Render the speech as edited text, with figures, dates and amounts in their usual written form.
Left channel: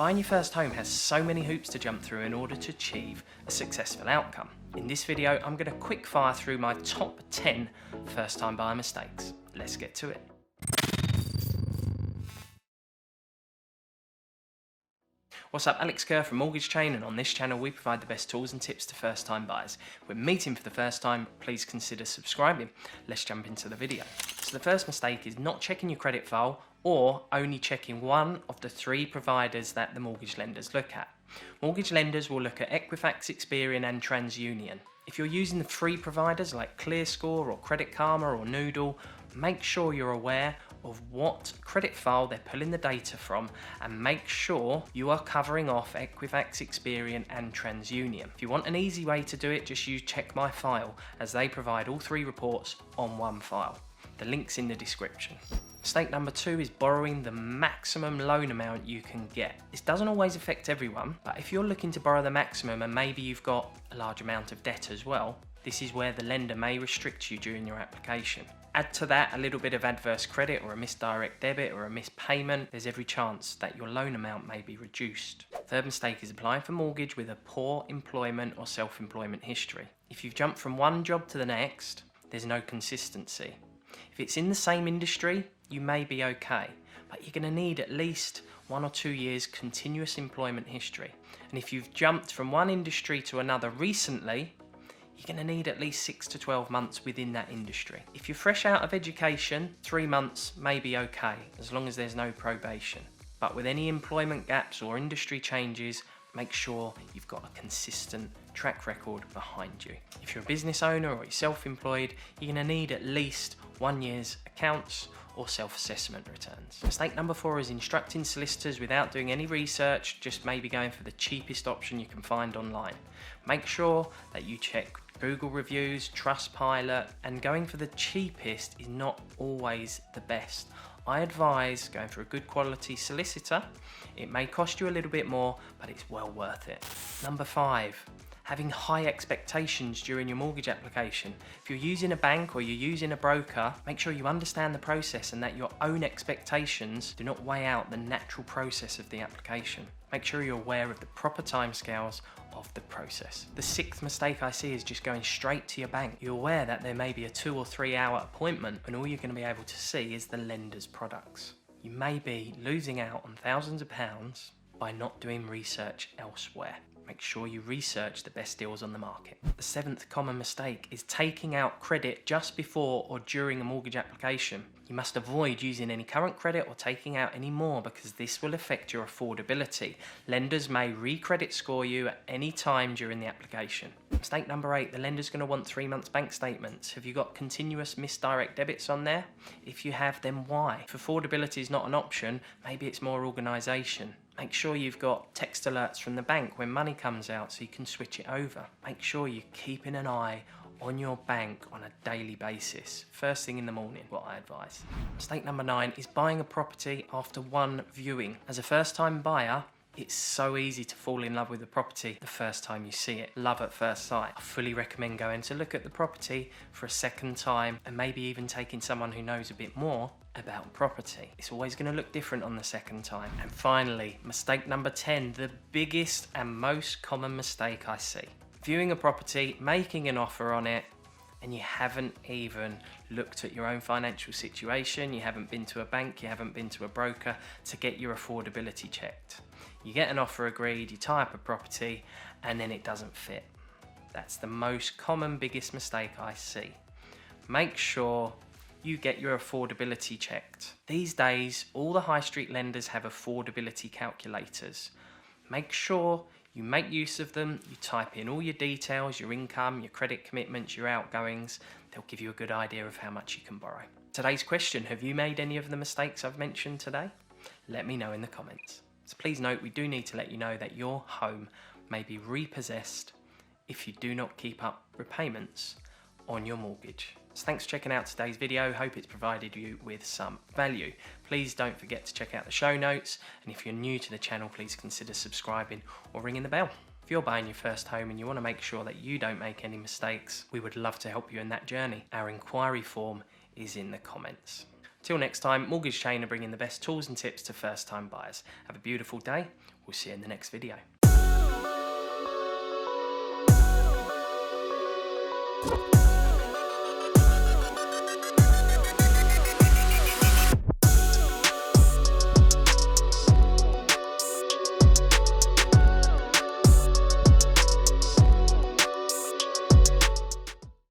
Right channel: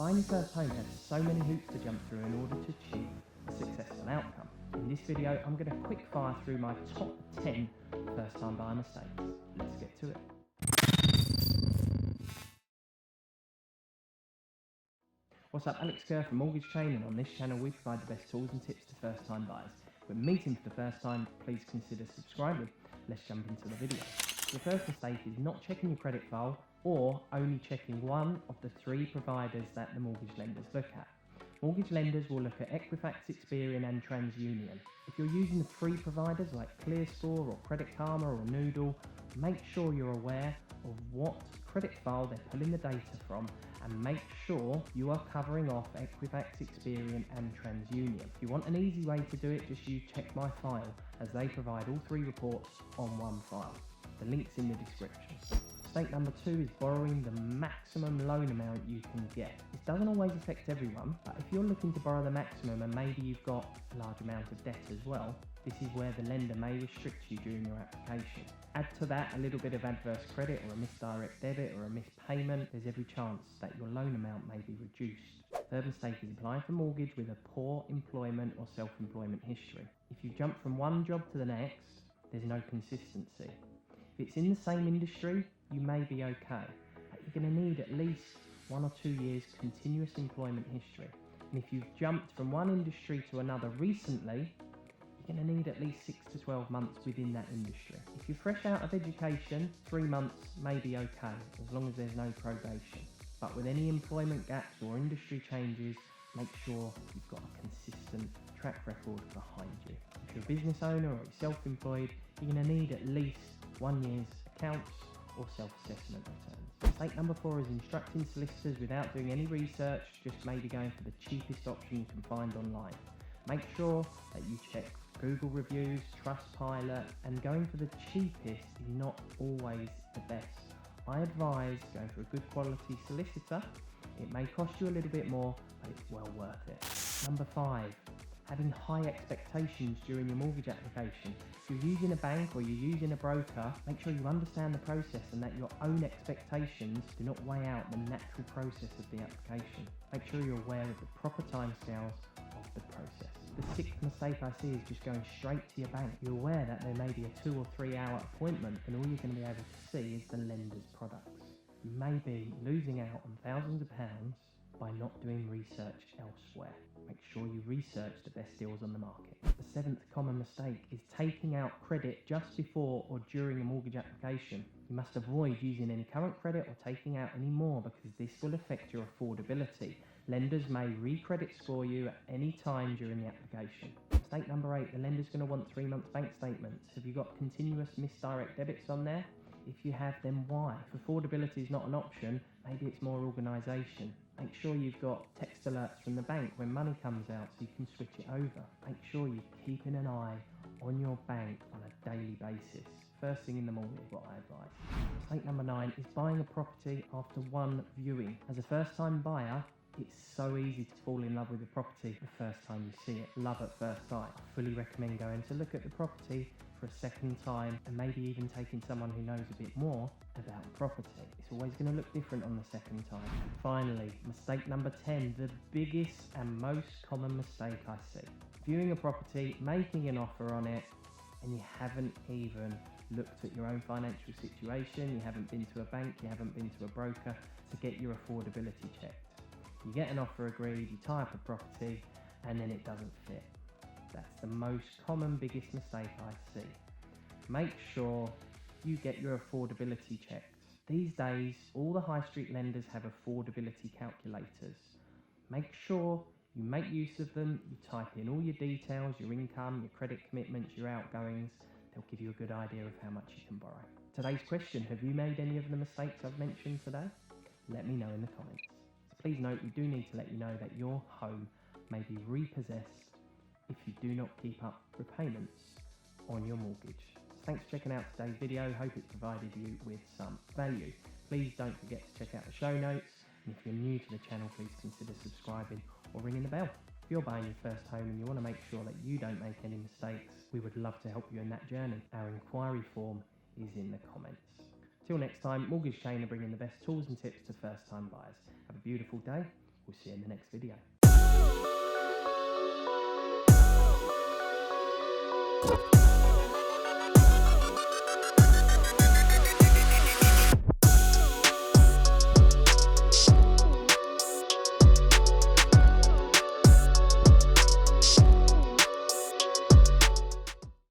Buying your first home has so many hoops to jump through in order to achieve a successful outcome. In this video, I'm going to quick fire through my top 10 first time buyer mistakes. Let's get to it. What's up, Alex Kerr from Mortgage Chain, and on this channel we provide the best tools and tips to first time buyers. If we're meeting for the first time, please consider subscribing. Let's jump into the video. So the first mistake is not checking your credit file or only checking one of the 3 providers that the mortgage lenders look at. Mortgage lenders will look at Equifax, Experian and TransUnion. If you're using the free providers like ClearScore or Credit Karma or Noodle, make sure you're aware of what credit file they're pulling the data from and make sure you are covering off Equifax, Experian and TransUnion. If you want an easy way to do it, just use Check My File, as they provide all 3 reports on one file. The link's in the description. Mistake number 2 is borrowing the maximum loan amount you can get. This doesn't always affect everyone, but if you're looking to borrow the maximum and maybe you've got a large amount of debt as well, this is where the lender may restrict you during your application. Add to that a little bit of adverse credit or a missed direct debit or a missed payment, there's every chance that your loan amount may be reduced. Third mistake is applying for mortgage with a poor employment or self-employment history. If you've jumped from one job to the next, there's no consistency. If it's in the same industry, you may be okay, but you're going to need at least 1 or 2 years continuous employment history. And if you've jumped from one industry to another recently, you're going to need at least 6 to 12 months within that industry. If you're fresh out of education, 3 months may be okay, as long as there's no probation. But with any employment gaps or industry changes, make sure you've got a consistent track record behind you. If you're a business owner or you're self-employed, you're going to need at least 1 year's accounts or self-assessment returns. Mistake number 4 is instructing solicitors without doing any research, just maybe going for the cheapest option you can find online. Make sure that you check Google reviews, Trustpilot, and going for the cheapest is not always the best. I advise going for a good quality solicitor. It may cost you a little bit more, but it's well worth it. Number 5, having high expectations during your mortgage application. If you're using a bank or you're using a broker, make sure you understand the process and that your own expectations do not weigh out the natural process of the application. Make sure you're aware of the proper timescales of the process. The 6th mistake I see is just going straight to your bank. You're aware that there may be a 2 or 3 hour appointment and all you're going to be able to see is the lender's products. You may be losing out on thousands of pounds by not doing research elsewhere. Make sure you research the best deals on the market. The 7th common mistake is taking out credit just before or during a mortgage application. You must avoid using any current credit or taking out any more, because this will affect your affordability. Lenders may re-credit score you at any time during the application. Mistake number 8, the lender's going to want 3 months bank statements. Have you got continuous missed direct debits on there? If you have, then why? If affordability is not an option, maybe it's more organisation. Make sure you've got text alerts from the bank when money comes out so you can switch it over. Make sure you're keeping an eye on your bank on a daily basis. First thing in the morning, what I advise. Mistake number 9 is buying a property after one viewing. As a first time buyer, it's so easy to fall in love with the property the first time you see it. Love at first sight. I fully recommend going to look at the property for a second time and maybe even taking someone who knows a bit more about property. It's always going to look different on the second time. And finally, mistake number 10, the biggest and most common mistake I see. Viewing a property, making an offer on it, and you haven't even looked at your own financial situation, you haven't been to a bank, you haven't been to a broker to get your affordability checked. You get an offer agreed, you tie up a property, and then it doesn't fit. That's the most common, biggest mistake I see. Make sure you get your affordability checked. These days, all the high street lenders have affordability calculators. Make sure you make use of them, you type in all your details, your income, your credit commitments, your outgoings. They'll give you a good idea of how much you can borrow. Today's question, have you made any of the mistakes I've mentioned today? Let me know in the comments. So please note, we do need to let you know that your home may be repossessed if you do not keep up repayments on your mortgage. So thanks for checking out today's video. Hope it's provided you with some value. Please don't forget to check out the show notes. And if you're new to the channel, please consider subscribing or ringing the bell. If you're buying your first home and you want to make sure that you don't make any mistakes, we would love to help you in that journey. Our inquiry form is in the comments. Till next time, Mortgage Chain are bringing the best tools and tips to first time buyers. Have a beautiful day. We'll see you in the next video.